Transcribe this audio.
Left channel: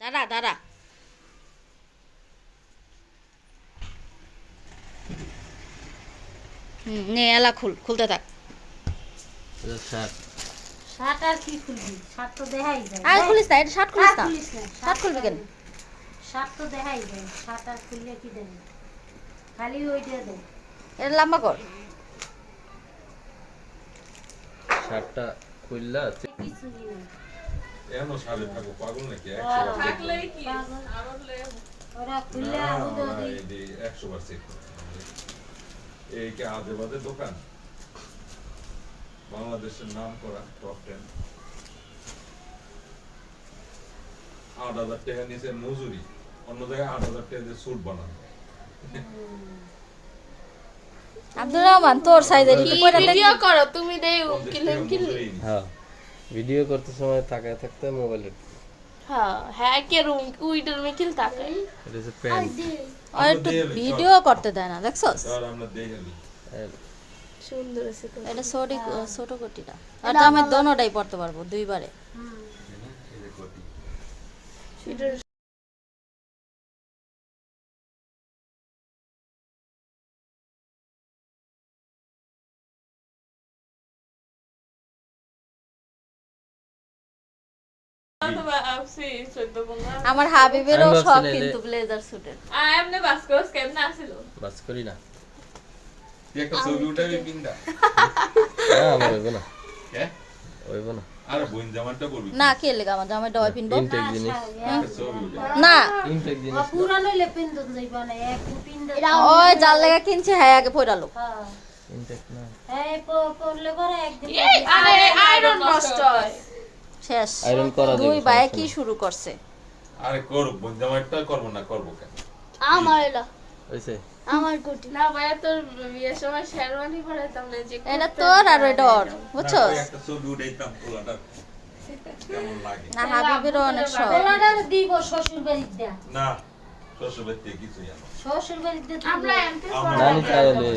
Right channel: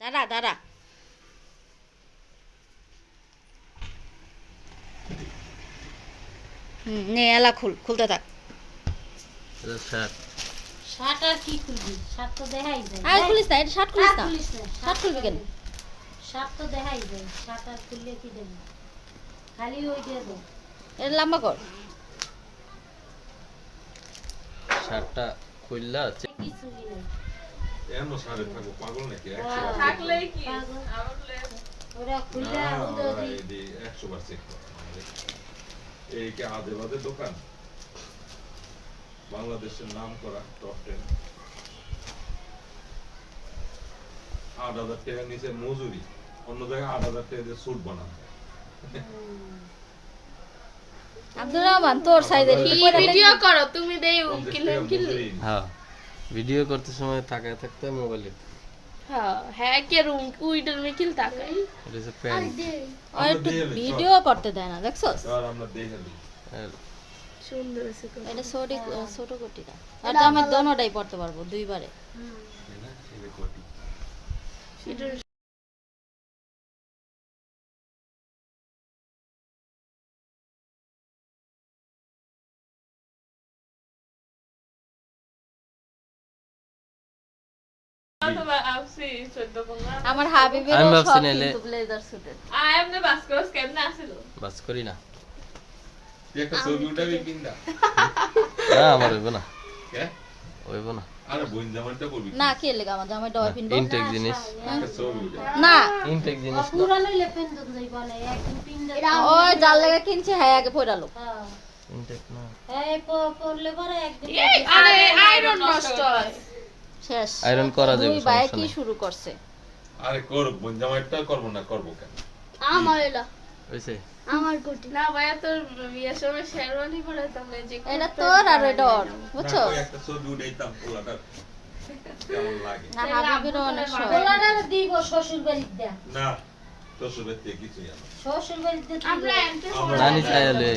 দাঁড়া দাঁড়া। নে এলা খুলতে থাক। শার্ট আর কি খুলবি? শার্ট তো দেখাই যায়। আর খুলিস না, এটা শার্ট খুলিস না। খুলিস না। শার্ট খুলবি কেন? শার্ট তো দেখাই যায়। শার্ট আর খুললে কি দেবে? খালি ওইটা দে। এটা লম্বা কর। শার্টটা খুললা কিছুই না। এমন সারে থাকো পাগল নাকি? থাকলেই কি পাগল। আমার লে- ওরা খুললে না, আগুন ওরা দিই। এই দিয়ে 100 বার চেক করে। এই কি আদে বাদে দোকান? বাংলাদেশের নাম করা টপ 10 8,000 টাকা নিচে মজুরি, অন্য জায়গায় 8,000 টাকা দিয়ে স্যুট বানান। আব্দুর রহমান তোর সাইজের কি ভিডিও করো তুমি দেই কিলে কিলে হ্যাঁ ভিডিও করতে সময় তাকায় থাকতে মোবাইলে হ্যাঁ হ্যাঁ কে রুম উইডার মে কিল তাকাই এটা হচ্ছে প্যান্ট আর একটু ভিডিও করতে দেয় না, দেখছস? আর আমরা দেই না দিই। সুন্দর আছে এটা ছোট কোটিটা। আর তো আমি দোনোটাই পড়তে পারবো দুইবারে। এটা অথবা আপসি 14-15 আমার হাবিবেরও আমি সব ভাবছি নাইলে- কিন্তু ব্লেজার সুটের। আই এম না বাসকোস কেমন আছিল বাস করি না তুই একটা ছবি উঠাবি কিন্দা? না আমার হইব না কে? হইব না আরে বোন জামানটা করবি। না কে লেগে আমার জামাই ডয় পিনবো ইনটেক জিনিস একটা ছবি উঠা। না। ইনটেক জিনিস পুরা লইলে পিন্দন যাইবা না। এক পিন্দা। ওই যার লেগে কিনছে হ্যাঁ আগে পড়ালো। হ্যাঁ। ইনটেক না এই পড়লে পরে একদিন এই আরে আয়রন নষ্ট হয় শেষ। আয়রন করা যাবে, দুই ভাই সমস্যা কি নেই। শুরু করছে? আরে করব, বোন জামাইটা করবো না, করবো কেন? আমার এলা হইছে আমার কোটি না ভাইয়া তোর বিয়ের সময় শেরওয়ানি পরাইতাম না যে এটা তোর আর ওইটা ওর, বুঝছো? না, একটা ছবি উঠাইতাম পোলাটা কেমন লাগে? না হাবিবেরও অনেক শখ। তোমার দিব শ্বশুর বাড়ির দেয়া। না, শ্বশুর বাড়িতে কিছুই আনো। শ্বশুর বাড়ির দিয়ে আমরা এন্ট্রি আমরা জানি চাইলে